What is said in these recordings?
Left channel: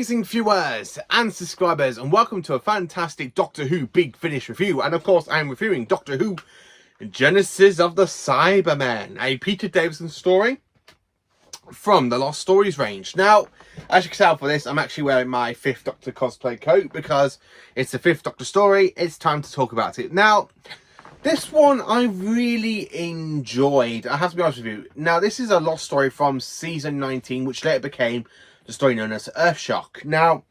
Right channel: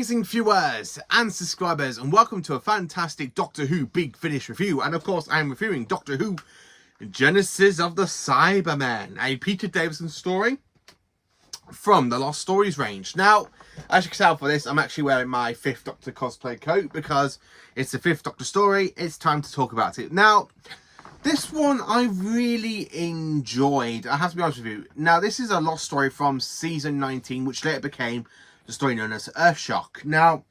amazing viewers and subscribers, and welcome to a fantastic Doctor Who Big Finish review. And of course, I'm reviewing Doctor Who Genesis of the Cybermen, a Peter Davison story from the Lost Stories range. Now, as you can tell for this, I'm actually wearing my 5th Doctor cosplay coat because it's the 5th Doctor story. It's time to talk about it. Now, this one I really enjoyed, I have to be honest with you. Now, this is a Lost story from season 19, which later became the story known as Earthshock. Now,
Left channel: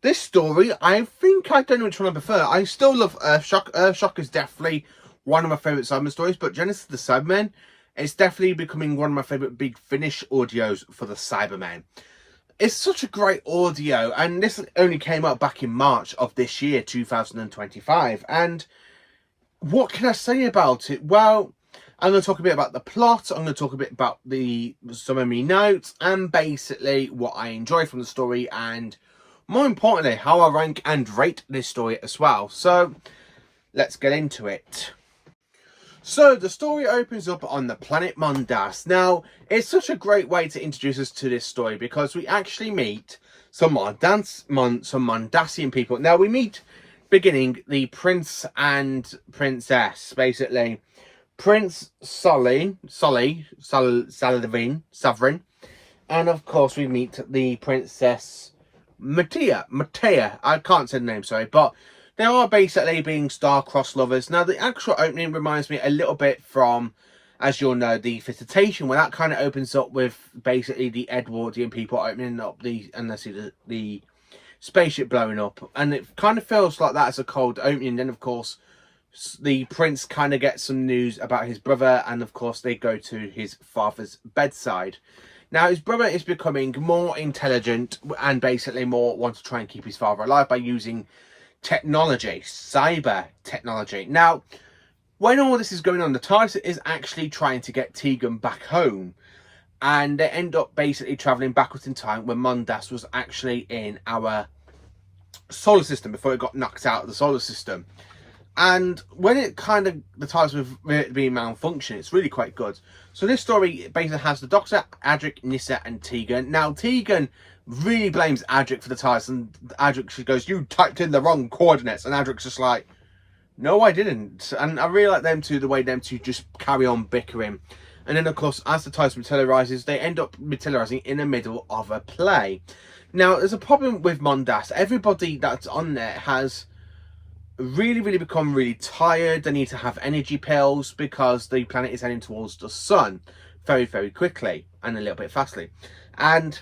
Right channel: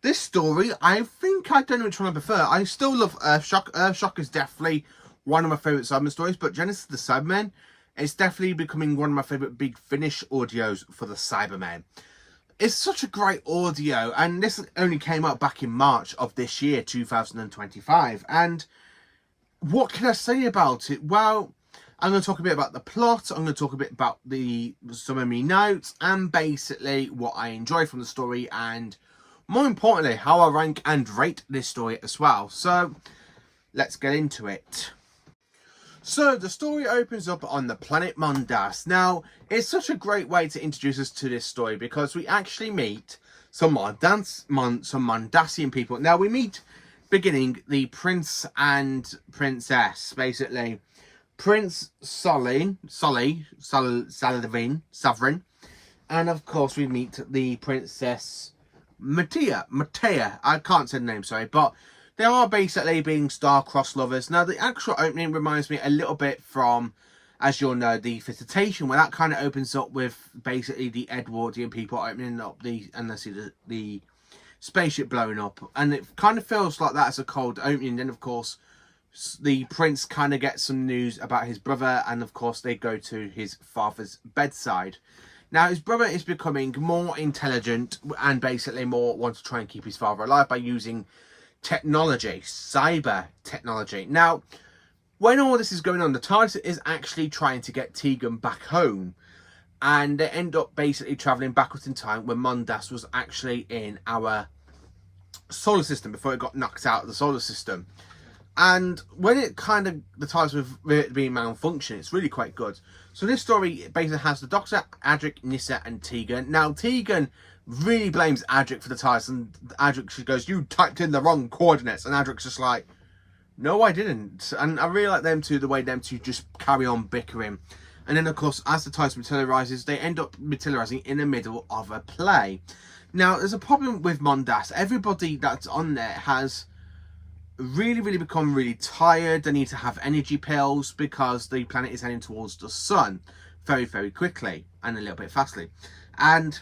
this story, I don't know which one I prefer. I still love Earthshock. Earthshock is definitely one of my favourite Cybermen stories, but Genesis of the Cybermen, it's definitely becoming one of my favourite Big Finish audios for the Cybermen. It's such a great audio, and this only came out back in March of this year, 2025. And what can I say about it? Well, I'm going to talk a bit about the plot, I'm going to talk a bit about some of my notes, and basically what I enjoy from the story, and more importantly, how I rank and rate this story as well. So, let's get into it. So, the story opens up on the planet Mondas. Now, it's such a great way to introduce us to this story because we actually meet some Mondasian people. Now, we meet, beginning, the Prince and Princess, basically. Prince Sovereign, and of course we meet the Princess Matea. I can't say the name, sorry, but they are basically being star-crossed lovers. Now, the actual opening reminds me a little bit from, as you'll know, the Visitation, where that kind of opens up with basically the Edwardian people opening up the spaceship blowing up, and it kind of feels like that as a cold opening. Then, of course, the prince kind of gets some news about his brother, and of course they go to his father's bedside. Now, his brother is becoming more intelligent and basically more wants to try and keep his father alive by using technology, cyber technology. Now, when all this is going on, the TARDIS is actually trying to get Tegan back home, and they end up basically travelling backwards in time when Mondas was actually in our solar system before it got knocked out of the solar system. And when it kind of, the TARDIS was being malfunctioning, it's really quite good. So this story basically has the Doctor, Adric, Nyssa and Tegan. Now, Tegan really blames Adric for the TARDIS, and Adric goes, "You typed in the wrong coordinates." And Adric's just like, "No, I didn't." And I really like them two, the way them two just carry on bickering. And then, of course, as the TARDIS materialises, they end up materialising in the middle of a play. Now, there's a problem with Mondas. Everybody that's on there has really become really tired. They need to have energy pills because the planet is heading towards the sun very quickly and a little bit fastly. And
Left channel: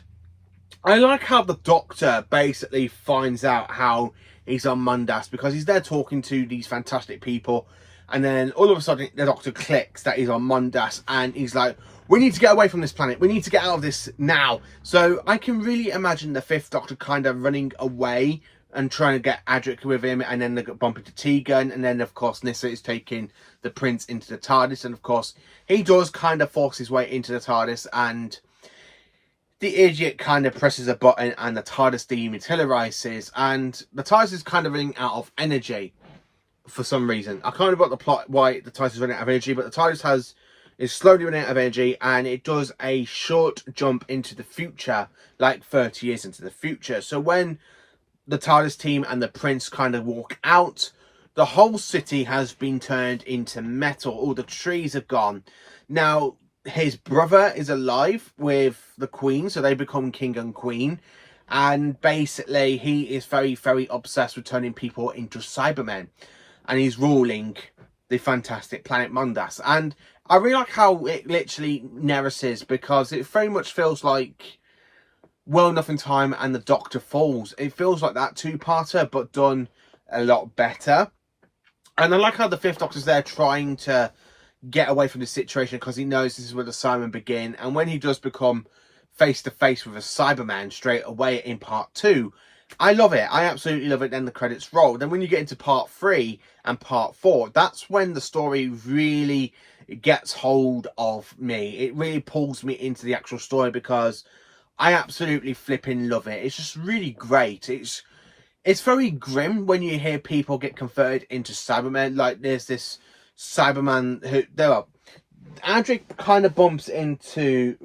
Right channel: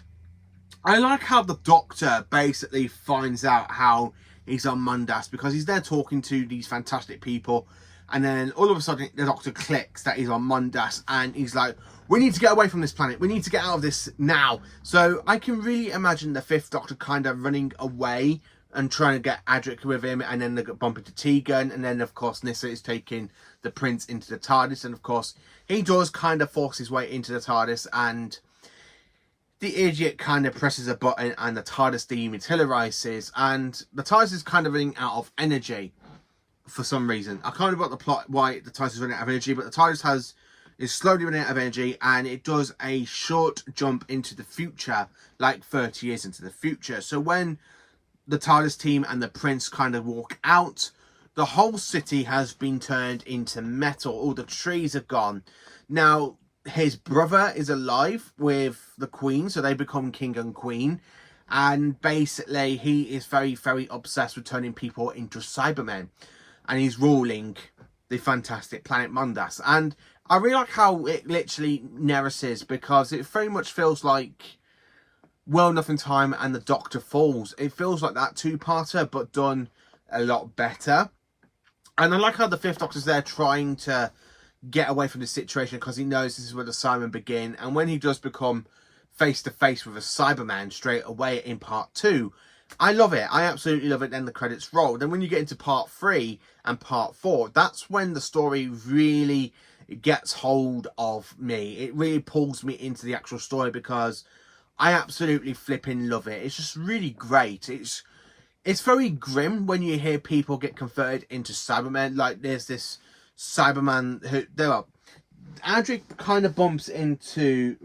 I like how the Doctor basically finds out how he's on Mondas, because he's there talking to these fantastic people, and then all of a sudden the Doctor clicks that he's on Mondas, and he's like, "We need to get away from this planet, we need to get out of this now." So I can really imagine the 5th Doctor kind of running away and trying to get Adric with him, and then they bump into Tegan, and then of course Nyssa is taking the prince into the TARDIS, and of course he does kind of force his way into the TARDIS, and the idiot kind of presses a button and the TARDIS dematerializes, and the TARDIS is kind of running out of energy for some reason. I kind of got the plot why the TARDIS is running out of energy, but the TARDIS is slowly running out of energy, and it does a short jump into the future, like 30 years into the future. So when the TARDIS team and the prince kind of walk out, the whole city has been turned into metal. All the trees are gone. Now, his brother is alive with the queen, so they become king and queen. And basically, he is very obsessed with turning people into Cybermen. And he's ruling the fantastic planet Mondas. And I really like how it literally narrates, because it very much feels like Well Enough in Time and The Doctor Falls. It feels like that two-parter, but done a lot better. And I like how the 5th Doctor's there trying to get away from this situation, because he knows this is where the Cybermen begin. And when he does become face-to-face with a Cyberman straight away in part 2, I love it. I absolutely love it. Then the credits roll. Then when you get into part 3 and part 4, that's when the story really gets hold of me. It really pulls me into the actual story, because I absolutely flipping love it. It's just really great. It's very grim when you hear people get converted into Cybermen. Like, there's this Cyberman who, Adric kind of bumps into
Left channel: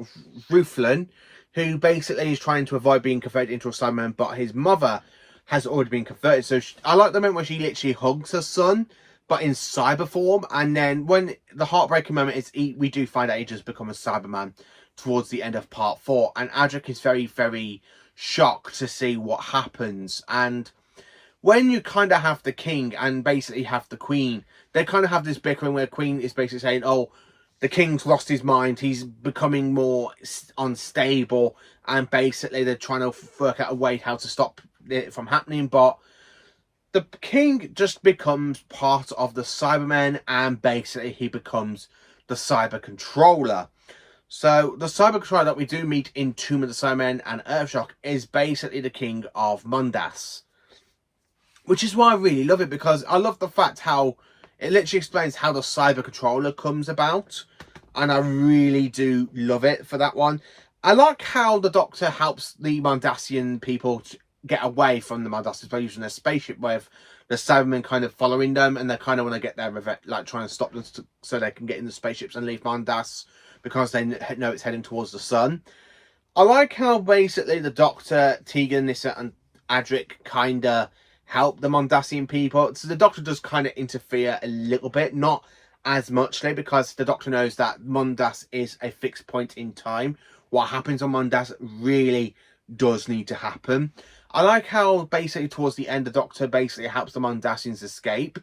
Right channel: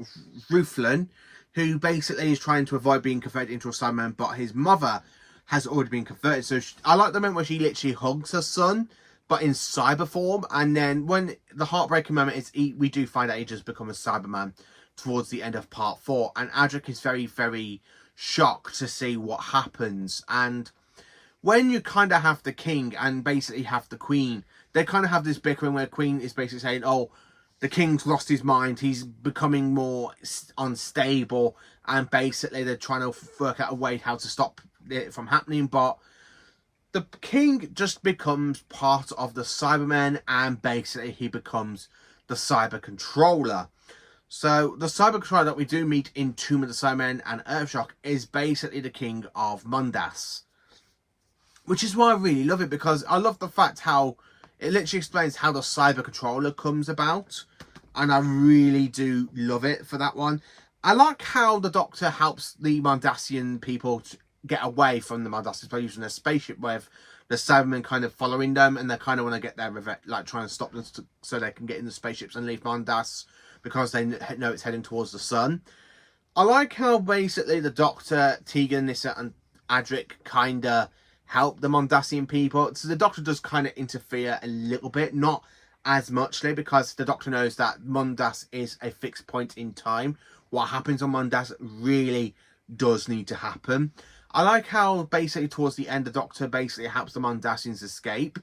Ruthlin, who basically is trying to avoid being converted into a Cyberman, but his mother has already been converted. So I like the moment where she literally hugs her son, but in cyber form. And then when the heartbreaking moment is, we do find out he just become a Cyberman towards the end of part 4. And Adric is very, very shocked to see what happens. And when you kind of have the king and basically have the queen, they kind of have this bickering where Queen is basically saying, oh, the king's lost his mind, he's becoming more unstable, and basically they're trying to work out a way how to stop it from happening. But the king just becomes part of the Cybermen, and basically he becomes the cyber controller. So the cyber controller that we do meet in Tomb of the Cybermen and Earthshock is basically the king of Mondas, which is why I really love it, because I love the fact how it literally explains how the cyber controller comes about, and I really do love it for that one. I like how the Doctor helps the Mondasian people to get away from the Mondasians by using their spaceship, with the Cybermen kind of following them, and they kind of want to get their like trying to stop them so they can get in the spaceships and leave Mondas, because they know it's heading towards the sun. I like how basically the Doctor, Tegan, Nyssa, and Adric kind of help the Mondasian people. So the Doctor does kind of interfere a little bit, not as muchly, because the Doctor knows that Mondas is a fixed point in time. What happens on Mondas really does need to happen. I like how basically towards the end the Doctor basically helps the Mondasians escape.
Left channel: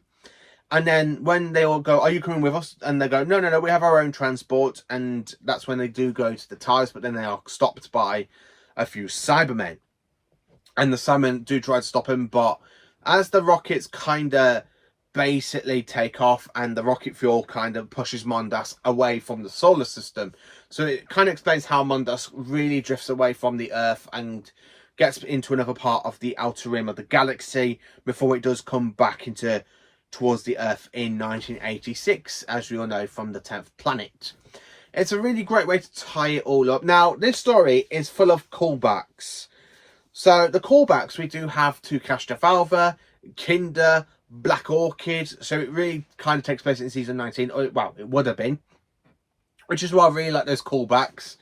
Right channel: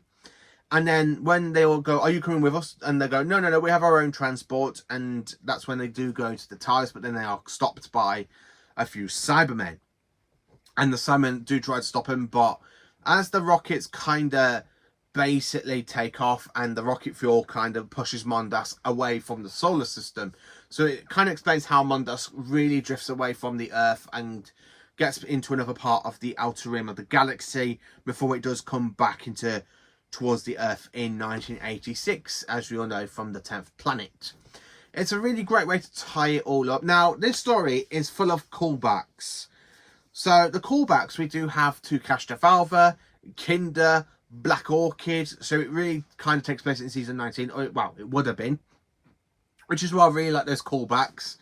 And then when they all go, are you coming with us? And they go, no, we have our own transport. And that's when they do go to the TARDIS, but then they are stopped by a few Cybermen. And the Cybermen do try to stop him, but as the rockets kind of basically take off and the rocket fuel kind of pushes Mondas away from the solar system. So it kind of explains how Mondas really drifts away from the Earth and gets into another part of the outer rim of the galaxy before it does come back into towards the Earth in 1986, as we all know from the 10th Planet. It's a really great way to tie it all up. Now, this story is full of callbacks. So the callbacks, we do have to Castrovalva, Kinder, Black Orchid. So it really kind of takes place in season 19. Well, it would have been. Which is why I really like those callbacks.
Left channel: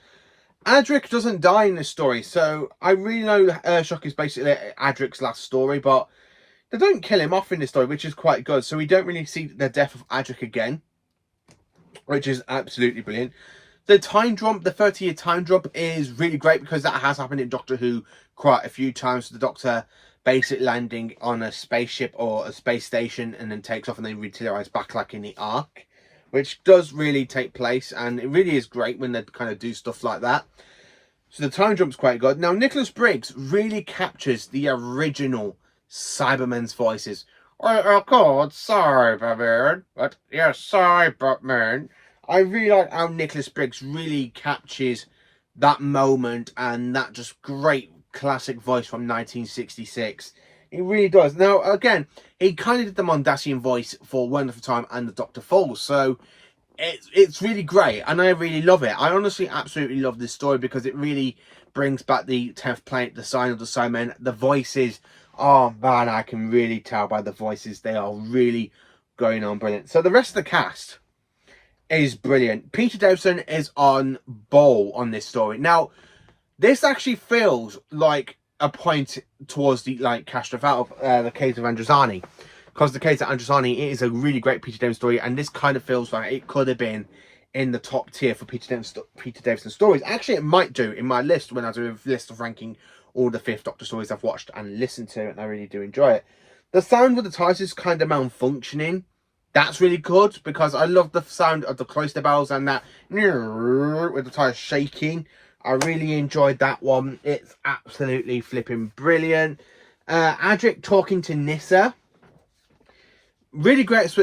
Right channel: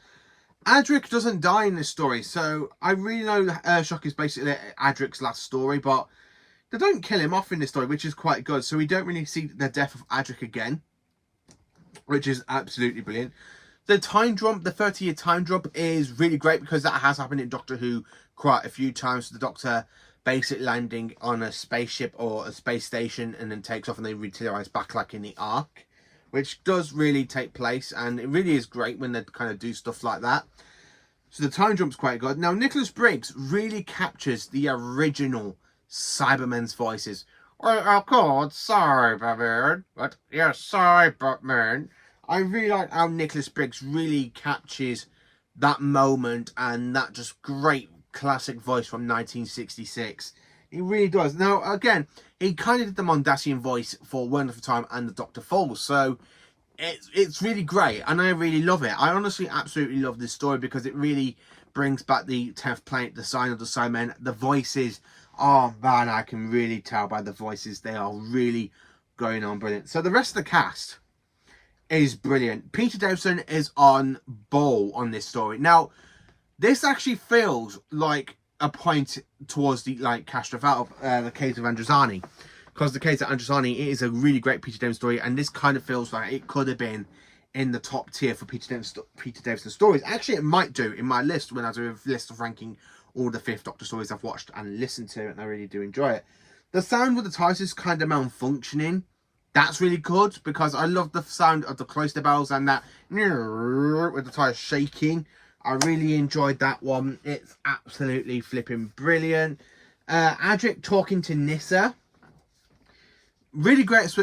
Adric doesn't die in this story. So I really know Earthshock is basically Adric's last story. But they don't kill him off in this story, which is quite good. So we don't really see the death of Adric again, which is absolutely brilliant. The time jump, the 30-year time jump, is really great because that has happened in Doctor Who quite a few times. The Doctor basically landing on a spaceship or a space station and then takes off and then materialises back like in the Ark, which does really take place, and it really is great when they kind of do stuff like that. So the time jump's quite good. Now, Nicholas Briggs really captures the original Cybermen's voices. Oh, God, Cybermen, but yes, Cybermen. I really like how Nicholas Briggs really captures that moment and that just great classic voice from 1966. It really does. Now, again, he kind of did the Mondasian voice for Wonderful Time and the Dr. Falls, so it's really great, and I really love it. I honestly absolutely love this story because it really brings back the 10th Planet, the sign of the Cybermen, the voices. Oh, man, I can really tell by the voices. They are really going on brilliant. So the rest of the cast is brilliant. Peter Davison is on ball on this story. Now, this actually feels like a point towards the Castrovalva, the case of Androzani, because the case of Androzani is a really great Peter Davison story, and this kind of feels like it could have been in the top tier for Peter Davison stories. Actually, it might do in my list when I do a list of ranking all the 5th Doctor stories I've watched and listened to, and I really do enjoy it. The sound with the TARDIS is kind of malfunctioning. That's really good because I love the sound of the cloister bells and that with the TARDIS shaking. I really enjoyed that one. It's absolutely flipping brilliant. Adric talking to Nyssa. Really great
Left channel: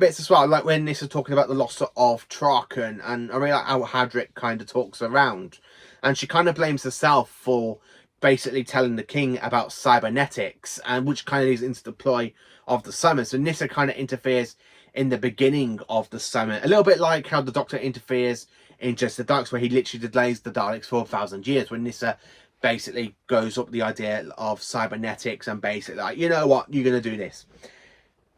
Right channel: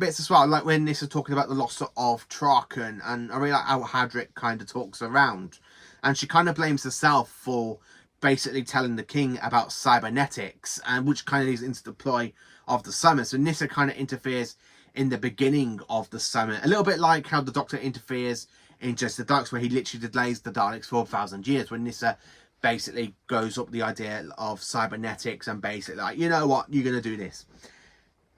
bits as well. Like when Nyssa's talking about the loss of Traken, and I really like how Adric kind of talks around. And she kind of blames herself for basically telling the king about cybernetics, and which kind of leads into the ploy of the Cybermen. So Nyssa kind of interferes in the beginning of the Cybermen. A little bit like how the Doctor interferes in Just the Daleks, where he literally delays the Daleks for 1,000 years, when Nyssa basically goes up the idea of cybernetics and basically like, you know what, you're going to do this.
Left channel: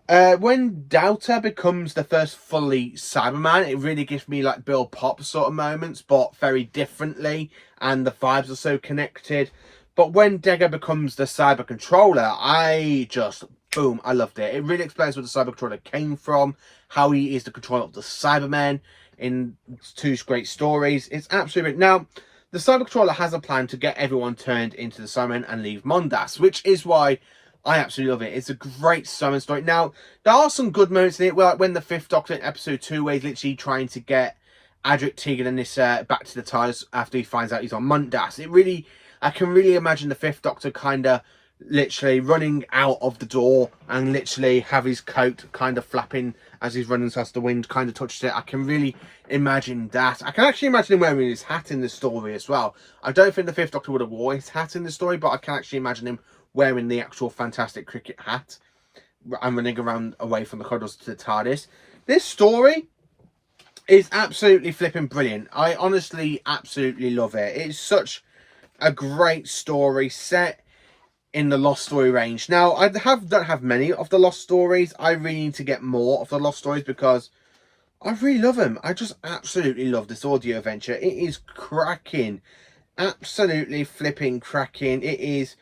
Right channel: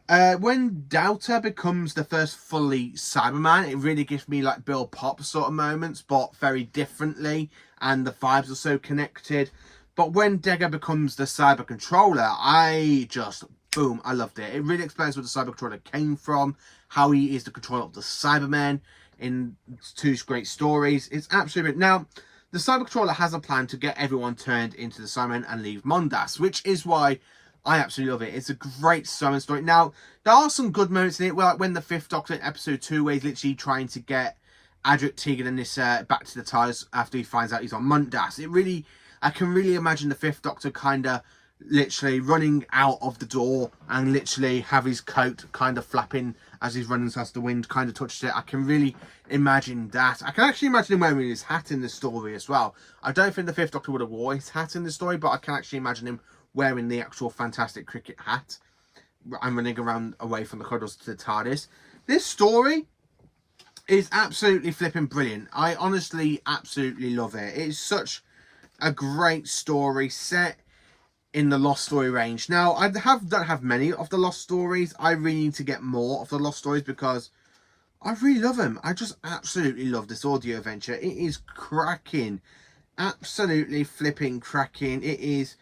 When Delta becomes the first fully Cyberman, it really gives me like Bill Pop sort of moments, but very differently, and the vibes are so connected. But when Dega becomes the Cyber Controller, I just, boom, I loved it. It really explains where the Cyber Controller came from, how he is the controller of the Cybermen in two great stories. It's absolutely great. Now, the Cyber Controller has a plan to get everyone turned into the Cybermen and leave Mondas, which is why I absolutely love it. It's a great Cyberman story. Now, there are some good moments in it, like when the Fifth Doctor in episode 2, where he's literally trying to get Adric, Tegan and Nyssa back to the TARDIS after he finds out he's on Mondas. I can really imagine the Fifth Doctor kind of literally running out of the door and literally have his coat kind of flapping as he's running past the wind kind of touches it. I can really imagine that. I can actually imagine him wearing his hat in the story as well. I don't think the Fifth Doctor would have worn his hat in the story, but I can actually imagine him wearing the actual fantastic cricket hat and running around away from the corridors to the TARDIS. This story is absolutely flipping brilliant. I honestly absolutely love it. It's such a great story set in the Lost Story range. Now, I don't have many of the Lost Stories. I really need to get more of the Lost Stories because I really love them. I just absolutely love this audio adventure. It is cracking. Absolutely flipping cracking. It is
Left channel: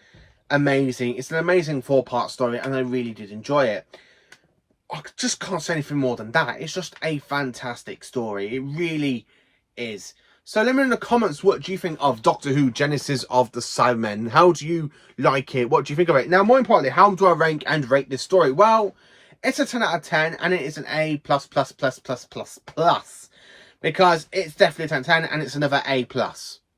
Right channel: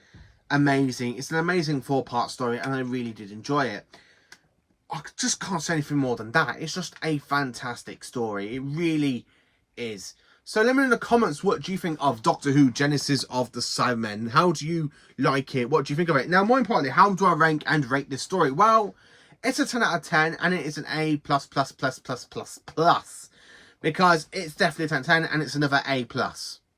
amazing. It's an amazing 4-part story and I really did enjoy it. I just can't say anything more than that. It's just a fantastic story. It really is. So let me know in the comments, what do you think of Doctor Who Genesis of the Cybermen? How do you like it? What do you think of it? Now, more importantly, how do I rank and rate this story? Well, it's a 10 out of 10 and it is an A+++++++. Because it's definitely a 10 out of 10 and it's another A+.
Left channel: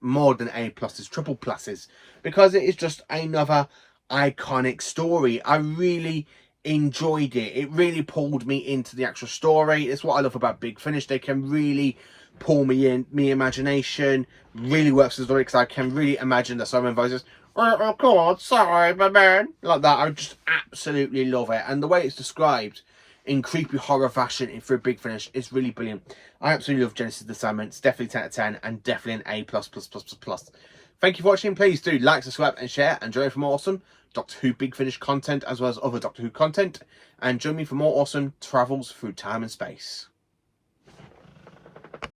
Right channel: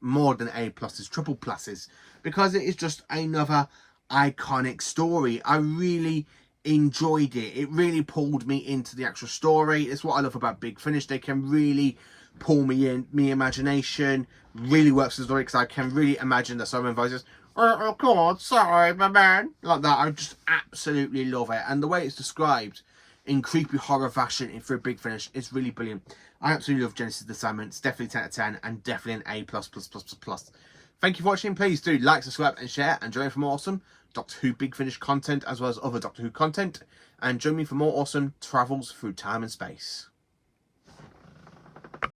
More than A+, it's triple pluses. Because it is just another iconic story. I really enjoyed it. It really pulled me into the actual story. It's what I love about Big Finish. They can really pull me in, me imagination, really works the story because I can really imagine the Cyberman voices. Oh God, Cyberman, like that. I just absolutely love it, and the way it's described in creepy horror fashion through Big Finish is really brilliant. I absolutely love Genesis of the Cybermen. It's definitely 10 out of 10 and definitely an A+++++. Thank you for watching. Please do like, subscribe, and share, and join me for more awesome Doctor Who Big Finish content as well as other Doctor Who content. And join me for more awesome travels through time and space.